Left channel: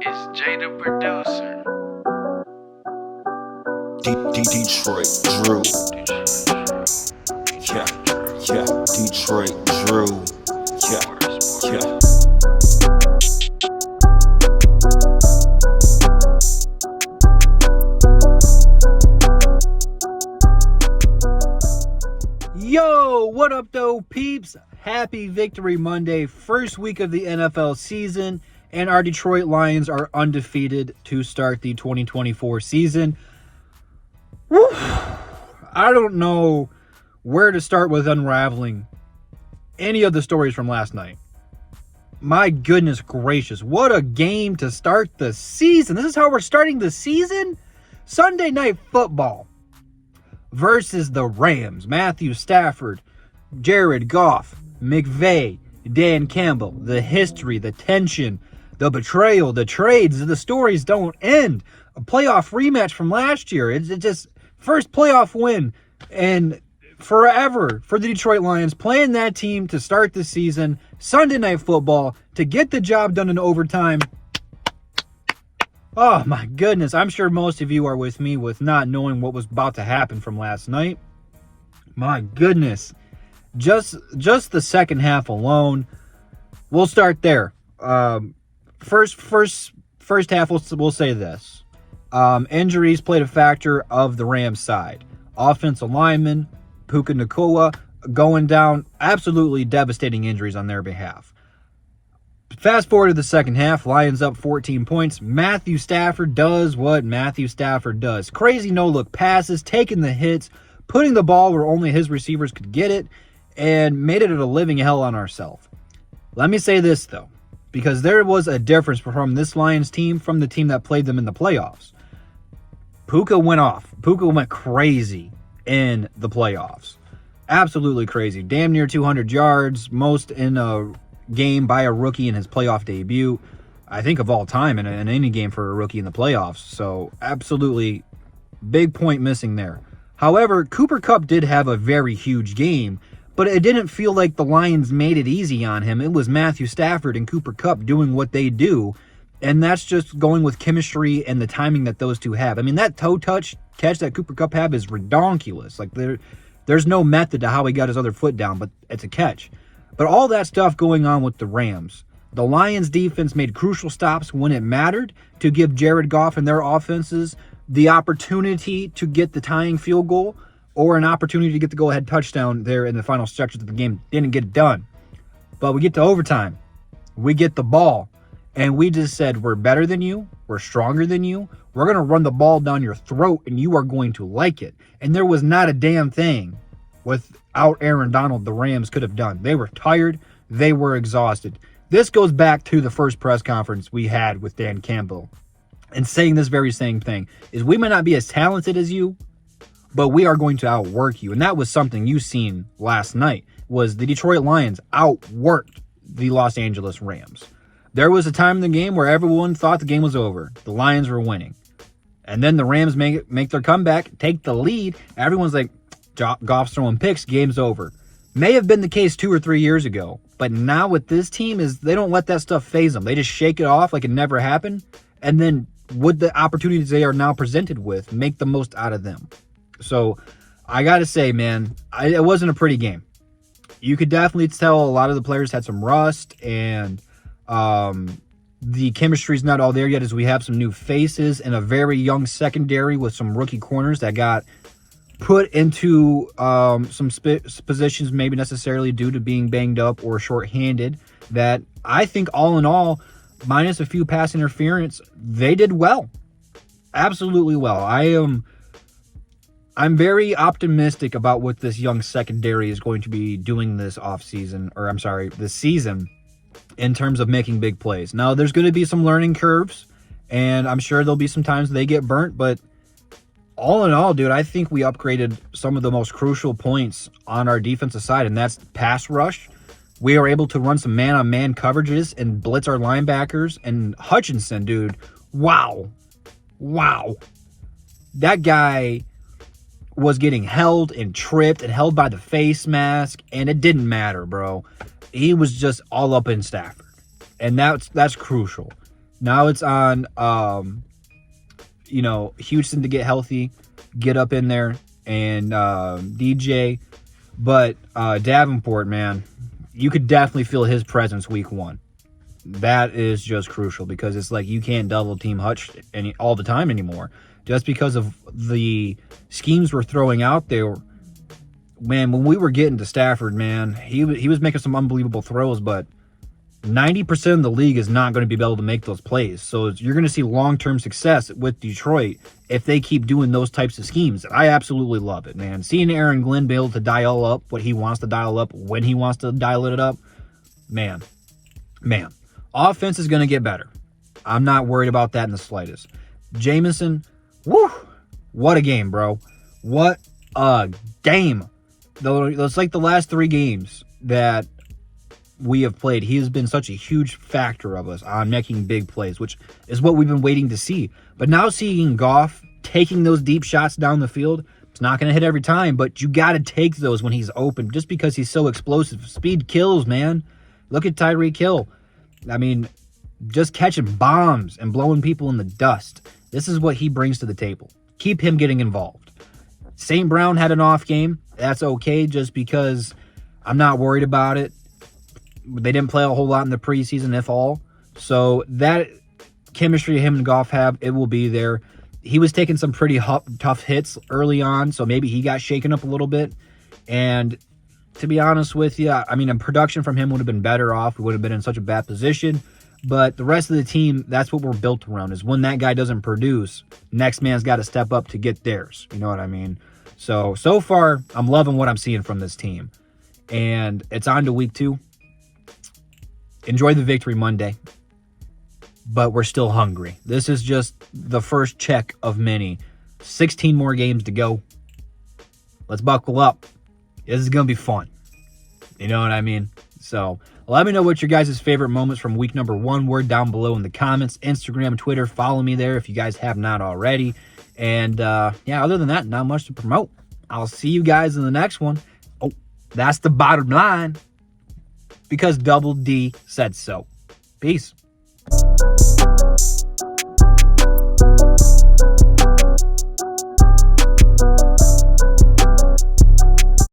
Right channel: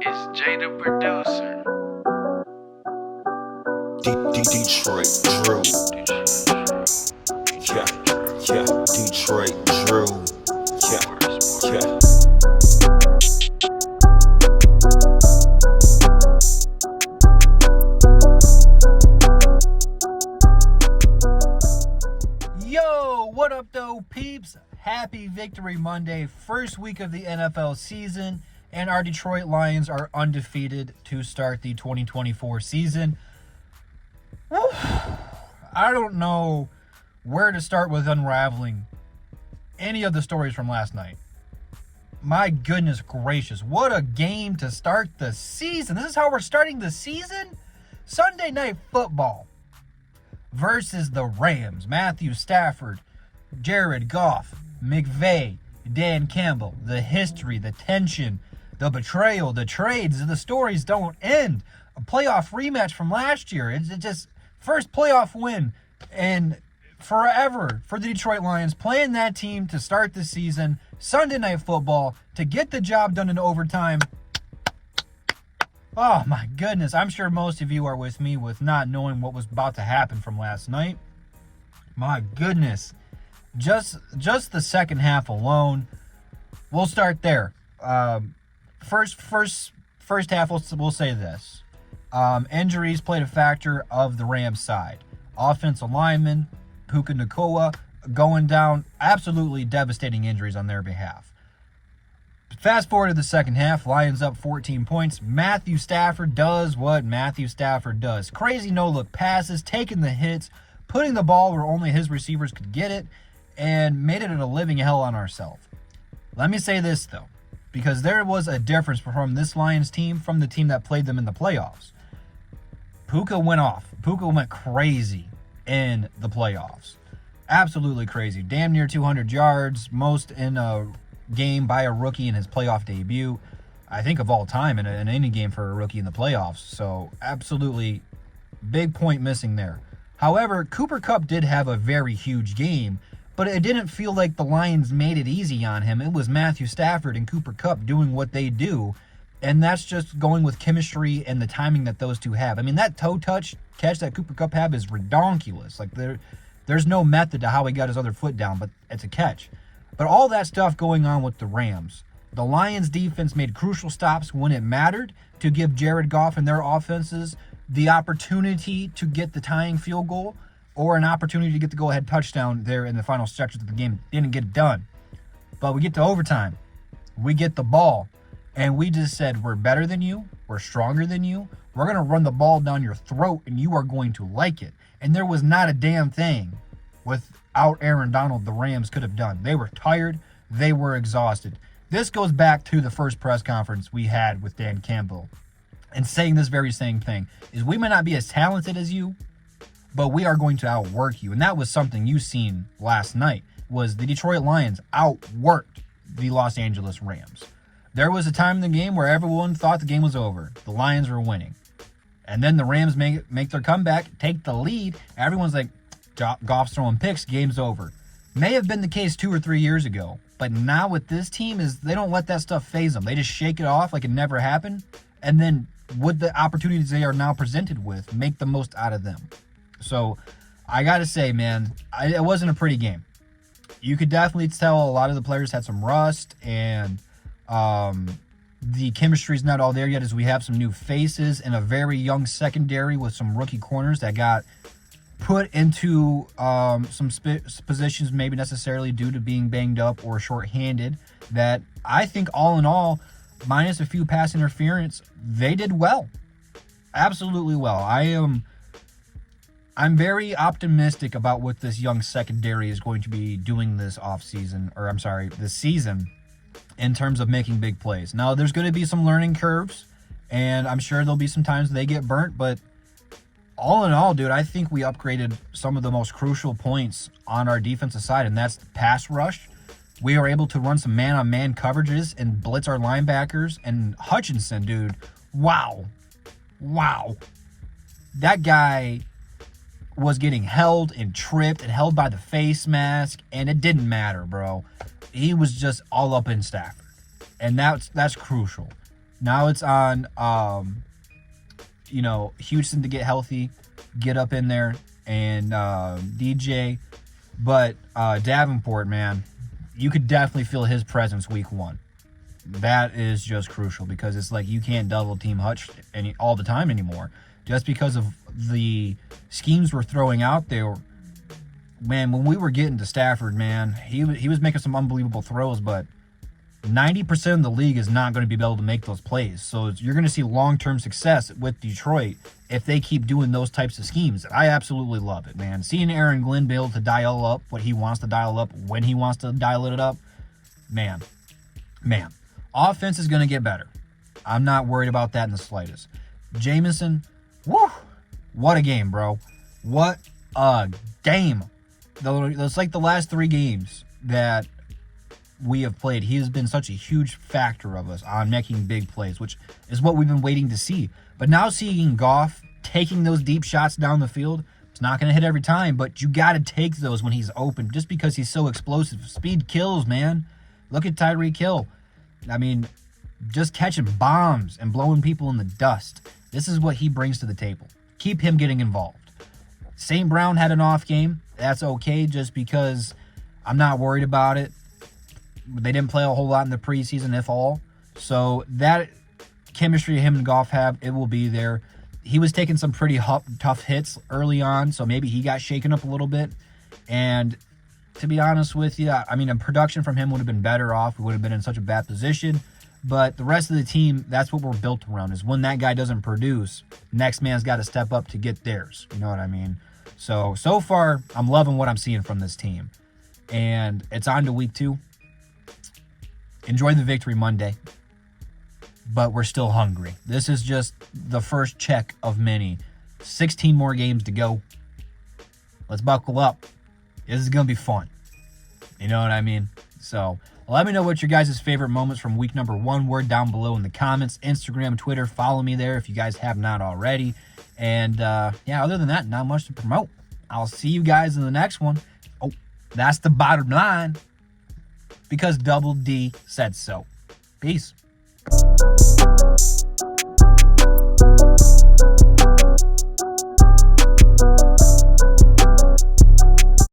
It's Jay the producer. Detroit Drew. Yeah, Detroit Drew. Yeah. Yo, what up though, peeps? Happy Victory Monday, first week of the NFL season, and our Detroit Lions are undefeated to start the 2024 season. Woo. I don't know where to start with unraveling any of the stories from last night. My goodness gracious, what a game to start the season. This is how we're starting the season? Sunday Night Football versus the Rams. Matthew Stafford, Jared Goff, McVay, Dan Campbell. The history, the tension, the betrayal, the trades, the stories don't end. A playoff rematch from last year. It's just first playoff win and forever for the Detroit Lions, playing that team to start the season. Sunday Night Football to get the job done in overtime. Oh my goodness, I'm sure most of you are with me with not knowing what was about to happen from last night. My goodness. Just the second half alone. We'll start there. First half, we'll say this. Injuries played a factor of the Rams side. Offensive lineman, Puka Nacua, going down. Absolutely devastating injuries on their behalf. Fast forward to the second half, Lions up 14 points. Matthew Stafford does what Matthew Stafford does. Crazy no-look passes, taking the hits, putting the ball where only his receivers could get it, and made it a living hell on ourselves. Let me say this, though, because there was a difference from this Lions team from the team that played them in the playoffs. Puka went off. Puka went crazy in the playoffs. Absolutely crazy. Damn near 200 yards, most in a game by a rookie in his playoff debut, I think, of all time in any game for a rookie in the playoffs. So absolutely big point missing there. However, Cooper Kupp did have a very huge game, but it didn't feel like the Lions made it easy on him. It was Matthew Stafford and Cooper Kupp doing what they do, and that's just going with chemistry and the timing that those two have. I mean, that toe touch catch that Cooper Kupp had is redonkulous. Like, there's no method to how he got his other foot down, but it's a catch. But all that stuff going on with the Rams, the Lions defense made crucial stops when it mattered to give Jared Goff and their offenses the opportunity to get the tying field goal or an opportunity to get the go-ahead touchdown there in the final stretches of the game. Didn't get it done. But we get to overtime. We get the ball. And we just said, we're better than you. We're stronger than you. We're going to run the ball down your throat, and you are going to like it. And there was not a damn thing without Aaron Donald the Rams could have done. They were tired. They were exhausted. This goes back to the first press conference we had with Dan Campbell and saying this very same thing, is we might not be as talented as you, but we are going to outwork you. And that was something you seen last night, was the Detroit Lions outworked the Los Angeles Rams. There was a time in the game where everyone thought the game was over. The Lions were winning. And then the Rams make their comeback, take the lead. Everyone's like, Goff's throwing picks, game's over. May have been the case 2 or 3 years ago, but now with this team is they don't let that stuff faze them. They just shake it off like it never happened, and then with the opportunities they are now presented with, make the most out of them. So I gotta say, man, it wasn't a pretty game. You could definitely tell a lot of the players had some rust, and the chemistry's not all there yet, as we have some new faces and a very young secondary with some rookie corners that got put into some positions maybe necessarily due to being banged up or shorthanded, that I think all in all, minus a few pass interference, they did well. Absolutely well. I'm very optimistic about what this young secondary is going to be doing this season in terms of making big plays. Now, there's going to be some learning curves, and I'm sure there'll be some times they get burnt, but all in all, dude, I think we upgraded some of the most crucial points on our defensive side, and that's pass rush. We are able to run some man-on-man coverages and blitz our linebackers. And Hutchinson, dude, wow. That guy was getting held and tripped and held by the face mask, and it didn't matter, bro. He was just all up in Stafford, and that's crucial. Now it's on, Houston to get healthy, get up in there, and DJ. But Davenport, man, you could definitely feel his presence week 1. That is just crucial because it's like you can't double team Hutch all the time anymore. Just because of the schemes we're throwing out there. Man, when we were getting to Stafford, man, he was making some unbelievable throws, but 90% of the league is not going to be able to make those plays. So you're going to see long-term success with Detroit if they keep doing those types of schemes. I absolutely love it, man. Seeing Aaron Glenn be able to dial up what he wants to dial up when he wants to dial it up, man. Offense is going to get better. I'm not worried about that in the slightest. Jameson, woo, what a game, bro. What a game. Though it's like the last 3 games that we have played, he has been such a huge factor of us on making big plays, which is what we've been waiting to see. But now seeing Goff taking those deep shots down the field, it's not going to hit every time, but you got to take those when he's open just because he's so explosive. Speed kills, man. Look at Tyreek Hill. I mean, just catching bombs and blowing people in the dust. This is what he brings to the table. Keep him getting involved. St. Brown had an off game. That's okay just because I'm not worried about it. They didn't play a whole lot in the preseason, if all. So that chemistry him and Goff have, it will be there. He was taking some pretty tough hits early on, so maybe he got shaken up a little bit. And to be honest with you, I mean, a production from him would have been better off. We would have been in such a bad position. But the rest of the team, that's what we're built around, is when that guy doesn't produce, next man's got to step up to get theirs. You know what I mean? So far, I'm loving what I'm seeing from this team. And it's on to week 2. Enjoy the victory Monday. But we're still hungry. This is just the first check of many. 16 more games to go. Let's buckle up. This is going to be fun. You know what I mean? So let me know what your guys' favorite moments from week number 1 were down below in the comments. Instagram, Twitter, follow me there if you guys have not already. And other than that, not much to promote. I'll see you guys in the next one. Oh, that's the bottom line. Because Double D said so. Peace.